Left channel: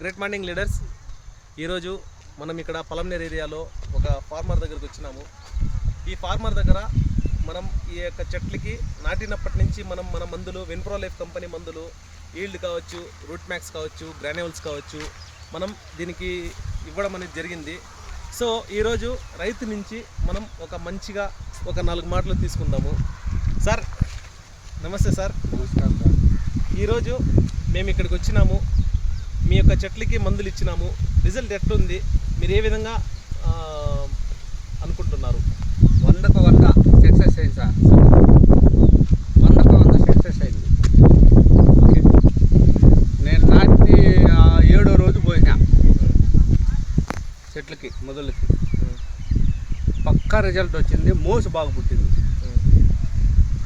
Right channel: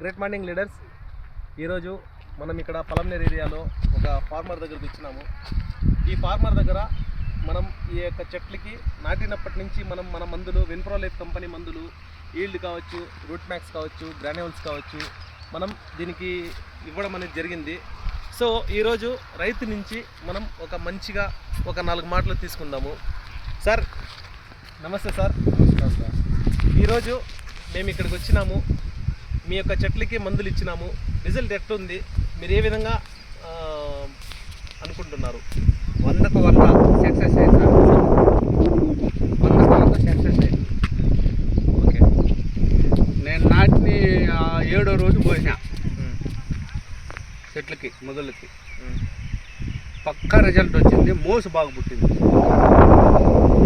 Great morning leaders. ఈరోజు మనం ఇక్కడ పలంనేరు ఏరియాలో ఒక ఫార్మర్ దగ్గరికి వచ్చినాము. ఈ ఫార్మర్ దగ్గర మనం ఈ యొక్క చెట్లకి నాటినప్పటి నుంచి మన మందులు విన్ప్రో లైఫ్ కంపెనీ మందులు ఈల్డ్ కావచ్చు, రూట్ మ్యాక్స్ కావచ్చు, గ్రాన్యూల్స్ కావచ్చు, మనం దీనికి ఇవ్వడం అనేది జరిగింది. సో ఈరోజు రైతు నుంచి మనం ఒక మంచిగా ఒక 4 మాటలు తీసుకుందాము. సార్ నమస్తే. సార్ నమస్కారం సార్. ఈరోజు మేము ఇక్కడికి వచ్చినాము, మీ యొక్క చెట్లకి మందులు ఇచ్చినాము. రిజల్ట్ ఎట్లుంది, మీరు ఏ విధంగా అనుకుంటున్నారు? 100కు 100 సక్సెస్ అయింది సార్. 100కు 100 సక్సెస్ అయింది. ఓకే, నేను నాటి 7వ రోజు పోయినా చెట్లకి మొదలకి పక్కా రిజల్ట్ వచ్చింది. మోసు బాగా పుట్టింది.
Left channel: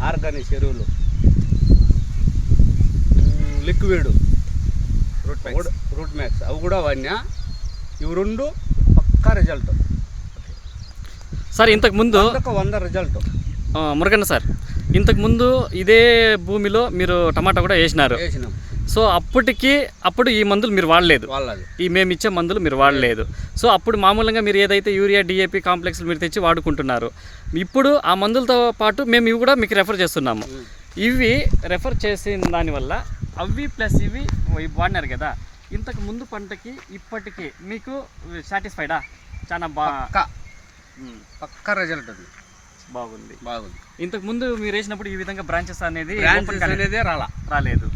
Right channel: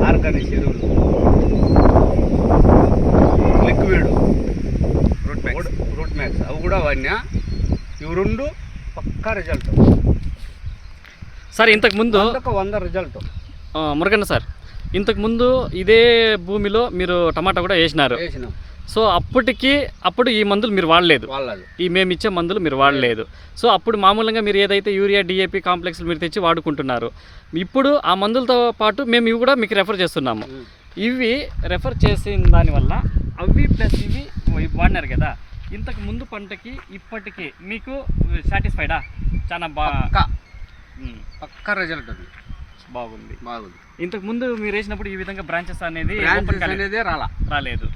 ఆర్గానిక్ ఎరువులు, లిక్విడ్, రూట్ మ్యాక్స్ అవి కూడా వాడినా. ఇవి 2 పక్కా రిజల్ట్ సార్. ఇంతకుముందు 100కు 100 రిజల్ట్. మురగన్న సార్, ఇంతకుముందు ఇదే భూమిలో మీరు టమాటా కూడా వేసినారు. సో అప్పుడు ఈ మందులు మీరు వాడలేదు, ఈ మేము ఇచ్చే మందులు మీరు వాడలేదు. సో అప్పుడు మామూలుగా మీరు ఏదైతే యూరియా, డిఏపి కాంప్లెక్స్లు మీరు తెచ్చి వాడుకుంటున్నారు. ఇప్పుడు ఆ మందులతో పాటు మేము ఇవి కూడా మీకు రెఫర్ చేస్తున్నాము. ఇవి రెఫర్ చేసిన దానివల్ల అవి ప్లస్ ఇవి వాడినారు కదా, ఇంతకు ముందు పంటకి ఇప్పటికీ మీకు సాటిస్ఫైడా? చాలా పక్కా రిజల్ట్ ఉంది. బాగుంది. ఇంతకు ముందు మీరు వేసినప్పుడు ఈ విధంగా బ్రాంచెస్ అనేది రాలేదు.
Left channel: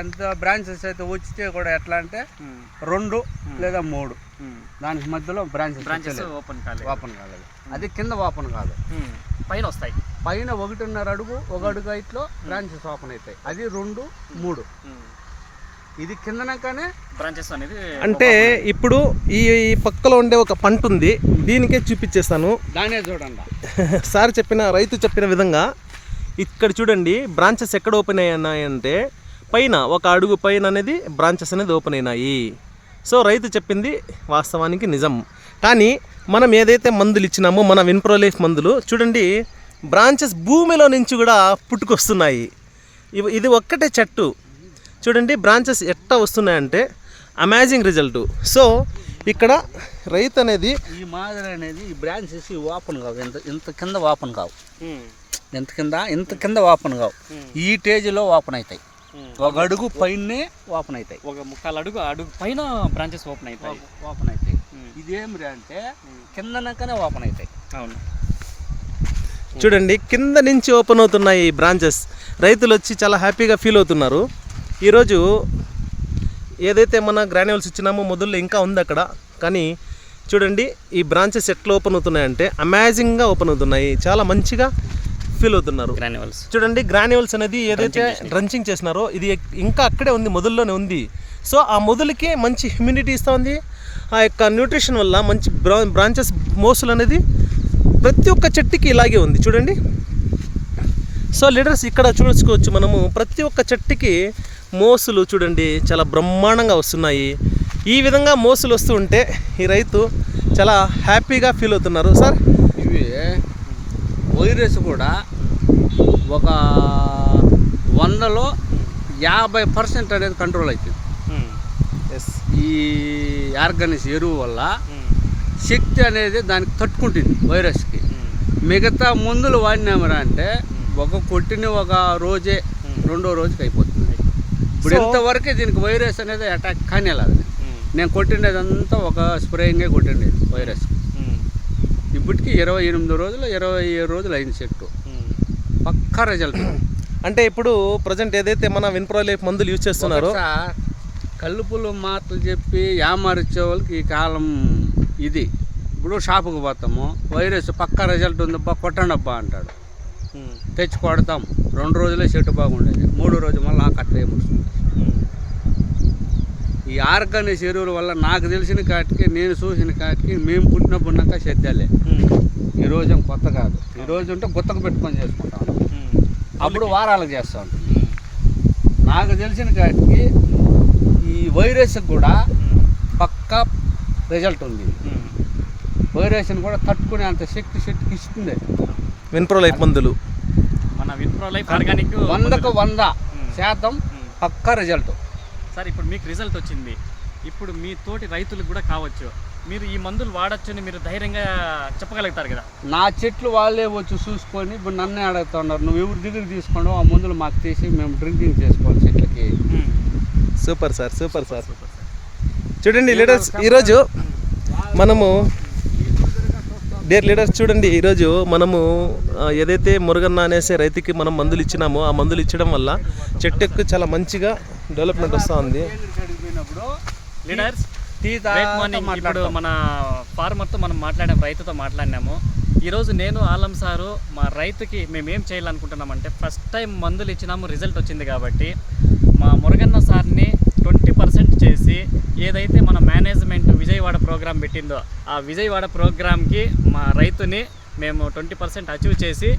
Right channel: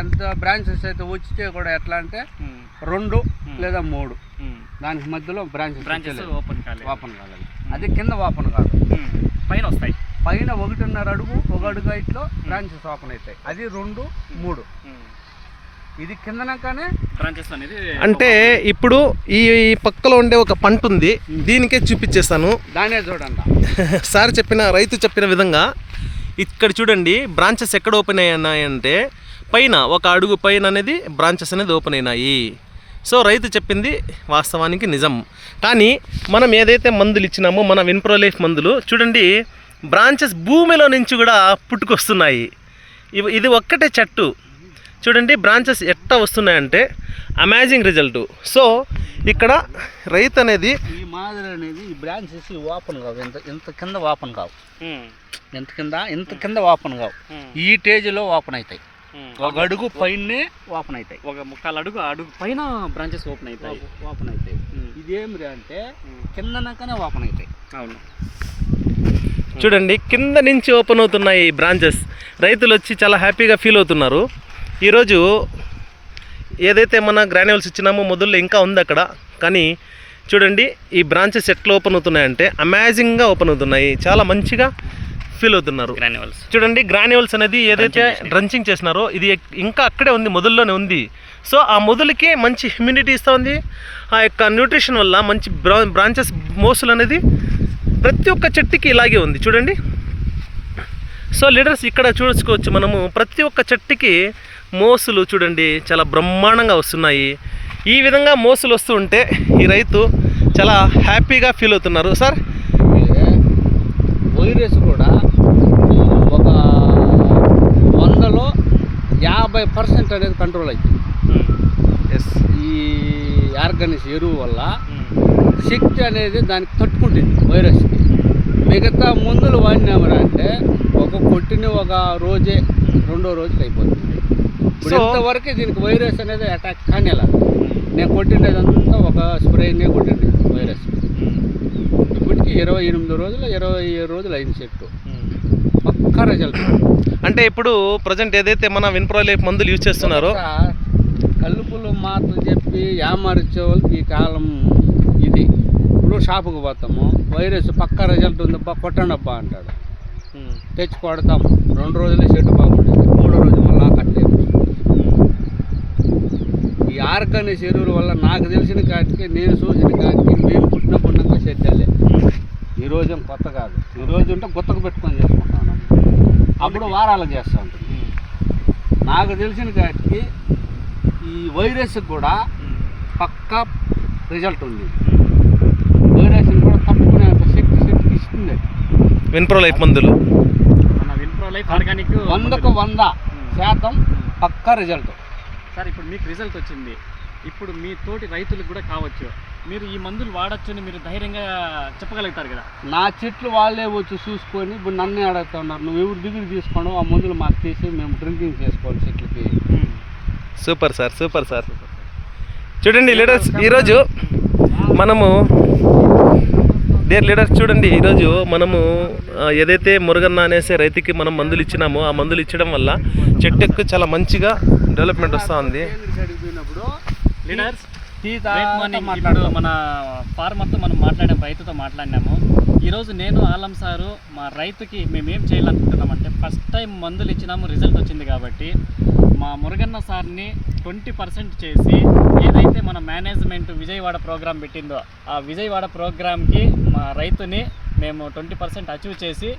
ఎంత బ్రాంచెస్ అయితే వచ్చితే కూడా ఎట్లా అంటే 2 లేదా 3 దానికి మధ్యలో బ్రాంచెస్ ఓపెన్ కాలేదు. అది కింద ఓపెన్ కాదు, పైన వస్తాయి. పైన 1.5 అడుగు 1 అడుగు హైట్లో బ్రాంచెస్ ఓపెన్ అవుతాయి. అది 2, 3. ఇది కిందనకానే బ్రాంచెస్ అనేది. అంటే ఇప్పుడు ఈ పక్కలో ఉండే ఒక పంట ఉంది, దీనికే చూపించేస్తాను. దానే చూడండి. సార్ రైతు చెప్పిన విధంగా ఇక్కడ చూడండి, బ్రాంచెస్ ఎక్కడ ఓపెన్ అయ్యాయంటే పైన 1 అడుగు పైన అనేది బ్రాంచెస్ అనేది ఓపెన్ అయినాయి. సో రైతు చెప్పింది వాస్తవానికి నిజం. కానీ మనం ఏదైతే మందులు ఇచ్చినామో మన విన్ప్రో లైఫ్ మందులు చూడండి, బ్రాంచెస్ భూమిలో నుంచి కూడా పుట్టుకొస్తున్నాయి. ఇది ఒక్కటే చెట్టు చూడండి, బ్రాంచెస్ ఎట్లా వస్తున్నాయంటే అమేజింగ్ రిజల్ట్. సో ఇక్కడ రైతు అనేది ఈ మాదిరి అనేది ఈ బ్రాంచెస్ ఓపెన్ కావు, ఇంత కింద ఓపెన్ కావు, ఇంత కింద ఓపెన్ కావు. ఈ స్టేజ్లో ఓపెన్ అవుతాయి. 1 అడుగు పైనే ఓపెన్ అవుతాయి. 1/4 అడుగు పైన బ్రాంచెస్ ఓపెన్ అవుతాయి. ఇదేమి అంటే కిందనకనే ఓపెన్ అవుతాయి. అవును, చూడండి కింద నుంచి ఓపెన్ అవుతున్నాయి బ్రాంచెస్. రైతులు వచ్చి చాలా హ్యాపీగా ఫీల్ అవుతున్నారు. ఈరోజు ఏదైతే మన గ్రాన్యూల్స్ ఇచ్చినామో మొదల్లో ఇంకా ఉంది అక్కడ, కానీ చూడండి ఈ బ్రాంచెస్ ఎట్లా ఓపెన్ అవుతున్నాయంటే అమేజింగ్గా ఓపెన్ అవుతున్నాయి. చాలా మంచిగా ఫీల్ అవుతున్నారు. గ్రాన్యూల్స్ చూడండి, గ్రాన్యూల్స్ అనేది ఏదైతే డ్రంచింగ్ చేసినారో ఇది ఇంకా అక్కడే ఉంది, మొదల్లోనే ఉంది. సో ఆ మొదలుకి మంచి హ్యూమిడిటీ ఇస్తూ ఉంది. ఆ యొక్క న్యూట్రిషన్ వల్ల మంచి బ్రాంచెస్ మోసులు అనేది ప్రతి ఒక్క చెట్టుకి ఇలాగే ఉంది చూడండి. సో లీడర్స్ ఇక్కడ చూసుకోవచ్చు మనము, ప్రతి ఒక్క చెట్టుకి మోసులు చూడండి చాలా బ్రహ్మాండంగా వస్తున్నాయి. ఈ విధంగా మోసులు వస్తూ ఉంటే ఈ రైతు చాలా హ్యాపీగా ఫీల్ అవుతున్నారు. సార్ వైరస్ కూడా ఒక 100లో 50% అనేది కంట్రోల్ అవుతుంది. ఈ ఆర్గానిక్ ఎరువు వల్ల శక్తి అనేది దానికి తట్టుకుంటుంది వైరస్కి. మిగతా మందులు వాడినామరా అంటే కొట్టిన 1 రోజే 2వ రోజుకి అయిపోతుంది. ఇప్పుడు ఇంతవరకు దీనికి వైరస్ అనేది అటాక్ కానేలాగా నేను కొట్టినదంతా ఒక స్ప్రేయింగే కొట్టింది వైరస్. ఇప్పటికి 28 రోజులు 27 రోజులు అయింది చెట్టు. పక్కా రిజల్ట్. అంటే ఇప్పుడు ప్రజెంట్ ఏదైతే మన విన్ప్రో లైఫ్ మందులు యూజ్ చేస్తున్నారో, కల్లుపులు మాటలు చెప్పి యామారిచ్చే వాళ్ళకి ఈ కాలం ఇది. ఇప్పుడు షాపుకి పోతాము, వైరస్ పక్కా రిజల్ట్ ఉందబ్బా కొట్టండి అబ్బా అంటాడు, తెచ్చి కొడతాం. 2 రోజులే చెట్టు బాగుంటుంది, 3వ రోజు మళ్ళీ కట్టే. ఈ ఆర్గానిక్ ఎరువుల వల్ల నాకు తెలిసిన కాటికి, నేను చూసిన కాటికి, మేము పుట్టినాక సేద్యాలే. ఈరోజు కొత్త కాదు, ఈరోజు ఉంటే గుత్తకు పెట్టుకొని చేసుకుంటాను, అప్పుడు వారాలు చేస్తూ ఉంటుంది. నాకు తెలిసిన కాటికి ఈ వైరస్కి కూడా పక్కా రిజల్ట్ ఉంది. వైరస్ని కూడా తట్టుకునే అంత శక్తి ఇస్తుంది విన్ప్రో లైఫ్ మందులు. మన విన్ప్రో లైఫ్ ఆర్గానిక్ 100కు 100% పక్కా రిజల్ట్. సార్ ఇప్పుడు మీకు రిజల్ట్ వచ్చింది, ఇప్పుడు మీ తోటి రైతులకు కూడా కావచ్చు, మీరు ఈ మందులు వాడచ్చని మీరు ధైర్యంగా చెప్పగలుగుతారు కదా. నా చెట్లు వాళ్ళే వచ్చి చూసుకొని ఇప్పుడు నన్నే అడుగుతా ఉన్నారు, నువ్వు ఎవరి దగ్గర తీసుకోండి ఆ మందులు మాకు తీసి మేము డ్రింకింగ్ చేసుకోవాలి చెట్లకి. Super sir, super sir. చూడండి లీడర్స్, ఈరోజు మనము డియర్ లీడర్స్ చూడండి, ఈరోజు మనము ఏదైతే మురుగన్న అనేసి రైతుకి మనం మందులు ఇచ్చినామో ఆ మందులు ఇచ్చడం వల్ల చెట్టుకు చాలా మంచిగా డెవలప్మెంట్ వస్తూ ఉంది. లీడర్స్ ఇప్పుడు మన ఫార్మర్తో మనం రైతుతో మాట్లాడినాము. ఈరోజు నేను ఆలం సారు మా రైతుకి మేము ఏం చేయాలనుకుంటున్నామంటే, ఫస్ట్ టైం మందులు ఇచ్చినాము, రిజల్ట్ వచ్చింది కాబట్టి మా మురుగన్న సార్ని 20% చేసి ఏదైతే మన మేనేజ్మెంట్ విజయవాడ ప్రోగ్రామ్ పెట్టిందో ఆ విజయవాడ ప్రోగ్రామ్కి మా రైతుని మేము 20% అచీవ్ చేసి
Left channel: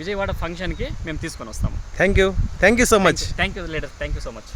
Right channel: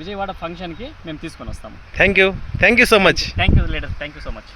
విజయవాడ ఫంక్షన్కి మేము తీసుకొని వస్తాము. Thank you so much. Thank you leader, thank you so much.